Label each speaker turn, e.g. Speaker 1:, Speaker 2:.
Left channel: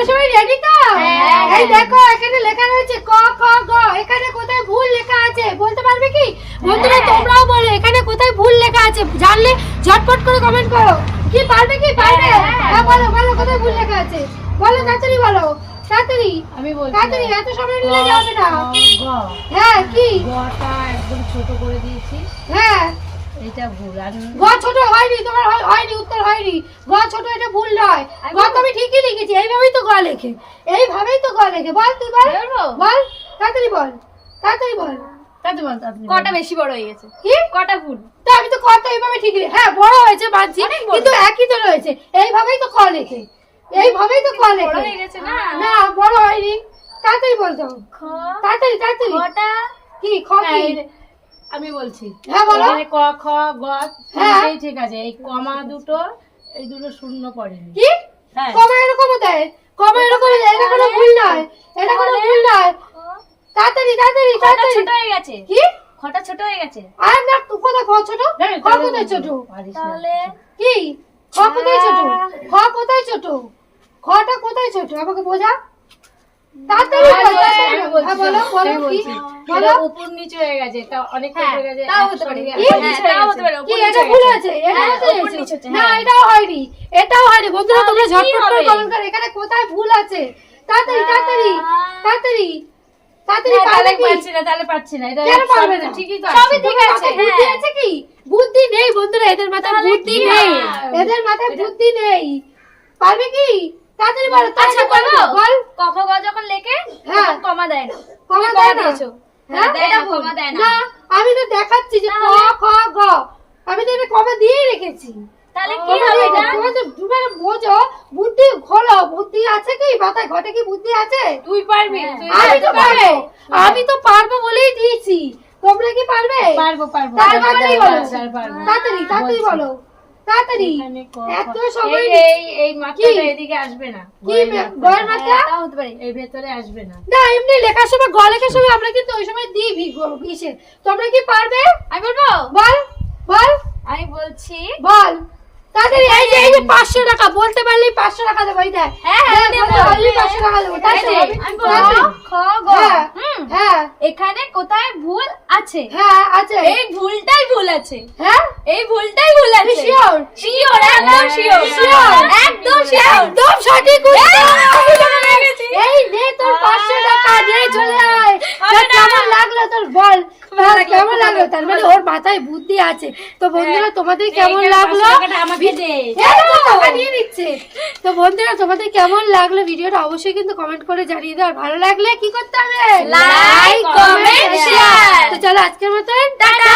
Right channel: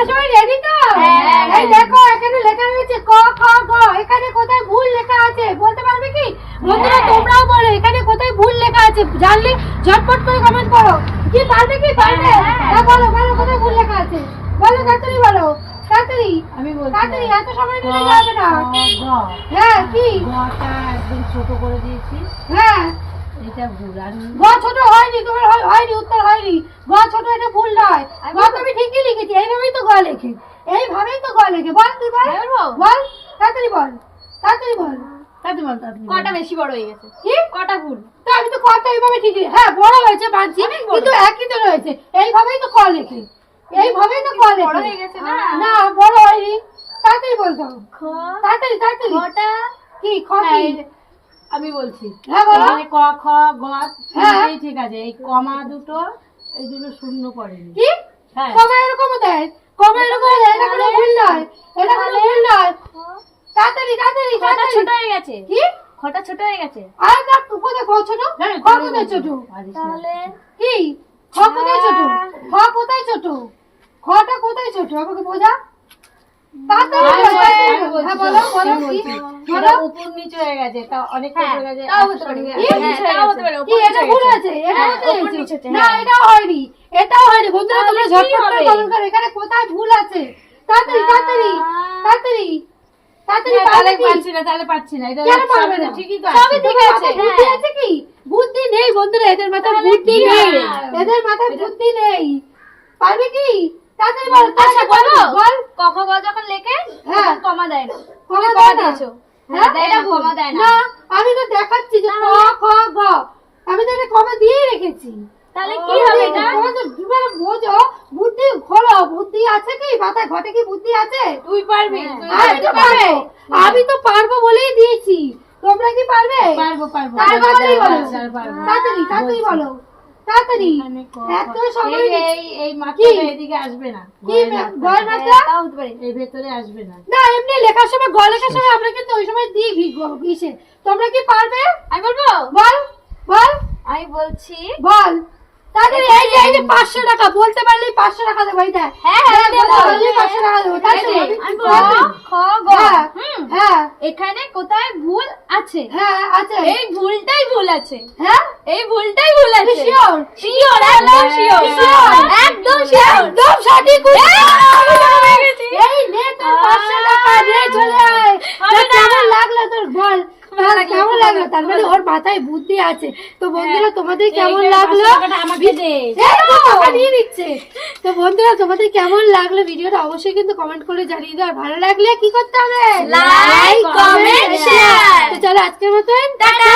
Speaker 1: তোমরা সবাই রেডি তো?
Speaker 2: হ্যাঁ,
Speaker 1: এই দেখো এখানে লেখা রয়েছে ক খ গ। এখানে কোথায় ভুল লেখা আছে? বলতে পারবে কি? বন্ধুরা
Speaker 2: হ্যাঁ।
Speaker 1: তোমরাও বলো এখানে কোথায় ভুল লেখা আছে? জানলে ঝটপট করে কমেন্ট করো। কি পারবে কি? পারবে?
Speaker 2: হ্যাঁ, হ্যাঁ,
Speaker 1: হ্যাঁ বলো বলো কোথায় ভুল লেখা আছে? বলো তাড়াতাড়ি বলো। তাড়াতাড়ি।
Speaker 3: আমি বলছি
Speaker 1: তাড়াতাড়ি এত সময় নিলে যাবে না। হ্যাঁ কি?
Speaker 3: গটা একদম ছোট করে দিয়েছি।
Speaker 1: হ্যাঁ।
Speaker 3: এটা ভুল আর
Speaker 1: ছোট হয়নি তোমার হয়- হয়নি উত্তর হয়নি। গ ছোট এটা ভুল নয়। গ তো আমি ঠিকই লিখেছি এইভাবেই তো গ লেখে। এইভাবেই তো গ লেখে। বল তুই বল। বল। তাড়াতাড়ি বল তাড়াতাড়ি বল।
Speaker 3: তাতে বল তাতে বল।
Speaker 2: কটা বেশি বড় হয়ে গেছে?
Speaker 1: কি?
Speaker 2: কটা ভুল?
Speaker 1: তা আমি তো কটা এইভাবে ঠিক হ্যাঁ বড় হয়েছে মানছি কিন্তু একই তো রয়েছে। এইভাবেই তো ক লেখে। এইভাবেই তো ক লেখে।
Speaker 2: না?
Speaker 1: না বড় হয়নি। তাড়াতাড়ি বলতো
Speaker 2: খ
Speaker 1: তাড়াতাড়ি তাড়াতাড়ি।
Speaker 2: কটা?
Speaker 1: কি খ
Speaker 3: হ্যাঁ,
Speaker 1: কি
Speaker 3: এই- আমি বলছি।
Speaker 1: হ্যাঁ বলো।
Speaker 3: ক খ গ
Speaker 1: হ্যাঁ।
Speaker 3: ঠিক আছে। এই কমা দুটো এই দুটো শূন্য পড়েনি।
Speaker 1: কি?
Speaker 3: হ্যাঁ।
Speaker 1: কমা এরকম দেয় কমা এরকম দেয় এটা কোনো ভুল নয় এটা কোনো ভুল নয় তাড়াতাড়ি
Speaker 2: খটা ছোট হয়ে গেছে।
Speaker 1: কি?
Speaker 2: খটা ছোট হয়ে গেছে।
Speaker 1: আর না তুই কোথায় খ ছোট? খ কোথায় ছোট?
Speaker 2: তাহলে
Speaker 1: কি? খ কোথায় ছোট? খ কোথায় ছোট? খটা কোথায় ছোট? আমাকে বোঝা? কোথায় ভুল আছে? তাড়াতাড়ি তাড়াতাড়ি তাড়াতাড়ি। তাড়াতাড়ি
Speaker 3: হ্যাঁ, তাহলে পারছি না তাহলে পারছি না এটা
Speaker 1: কেন পারবে না?
Speaker 3: ঠিকই তো
Speaker 1: সবই ঠিক আছে বুদ্ধি আছে কি? বুদ্ধি নেই বন্ধুরা এদের মাথায় বুদ্ধি নেই। এদের মাথায় বুদ্ধি নেই। পারবে কি? তাড়াতাড়ি বলো
Speaker 2: আচ্ছা বলো
Speaker 1: বলো। বল।
Speaker 2: ক খ যখন লেখে
Speaker 1: হ্যাঁ।
Speaker 2: কমা দেয় না।
Speaker 1: কমা দেয় না? হ্যাঁ?
Speaker 2: দেয় কমা দেয় না।
Speaker 1: না আমি তো দেখাচ্ছি যে ক খ গ। আমি তো এটা কমা দিয়ে রেখেছি।
Speaker 2: তাহলে কি হবে এটা?
Speaker 1: তোমার তো বুদ্ধি আছে কি? মাথায় ঘটে কি বুদ্ধি আছে?
Speaker 3: তুই পারবি
Speaker 2: হ্যাঁ।
Speaker 1: আমি তো
Speaker 3: পারব।
Speaker 1: আমি তো পারব বলেই দিয়েছি। তোমরা কি পারবে?
Speaker 3: পারব পারব।
Speaker 1: তাড়াতাড়ি বলো?
Speaker 3: তাড়াতাড়ি
Speaker 1: তাড়াতাড়ি তাড়াতাড়ি বলো। তাড়াতাড়ি। এত সময়
Speaker 3: এই- এই এই মাত্রাটা এদিকে আসবে না।
Speaker 1: কি
Speaker 3: গয়ের
Speaker 1: মে-
Speaker 3: মাত্রাটা।
Speaker 1: গয়ের মাত্রা?
Speaker 2: হ্যাঁ, তাও হতে পারে।
Speaker 3: এই ভেতরে আসবে না।
Speaker 1: না এমনি লেখার সময় গ লেখার সময় আমরা কিন্তু ওই সময় দিই ইসে। তোমরা কি পারবে?
Speaker 2: আমি বলব?
Speaker 1: বল বল।
Speaker 2: আমি বলছি
Speaker 1: বল। তাড়াতাড়ি এই যে এই যে পাঁচশো টাকা বলতে পারলেই পাঁচশো টাকা দেবো এই দেখ।
Speaker 2: হ্যাঁ,
Speaker 1: টাকা দেবো তাড়াতাড়ি।
Speaker 2: খ গ। এখানে কোথায় ভুল আছে?
Speaker 1: হ্যাঁ আছে।
Speaker 2: এই ভুলটাই ভুল আছে।
Speaker 1: হ্যাঁ?
Speaker 2: এই ভুলটাই ভুল আছে।
Speaker 1: শিওর
Speaker 2: শিওর একদম শিওর একদম শিওর
Speaker 1: একদম সঠিক এই নে তোর পাঁচশো টাকা নিয়ে চলে আয় তা কেমন লাগল তোর বল বল কেমন লাগল? তার মানে ওর মাথায় বুদ্ধি আছে। তো বন্ধুরা তোমাদের কেমন লাগল? নিচ্ছে তো বন্ধুরা তোমাদের কেমন লাগল ভিডিওটা অবশ্যই কিন্তু কমেন্ট করে জানিয়ে দাও। ভালো লাগলে কি করতে হবে?
Speaker 2: লাইক
Speaker 1: কমেন্ট
Speaker 2: শেয়ার
Speaker 1: তো চলো আজকের মতন টাটা।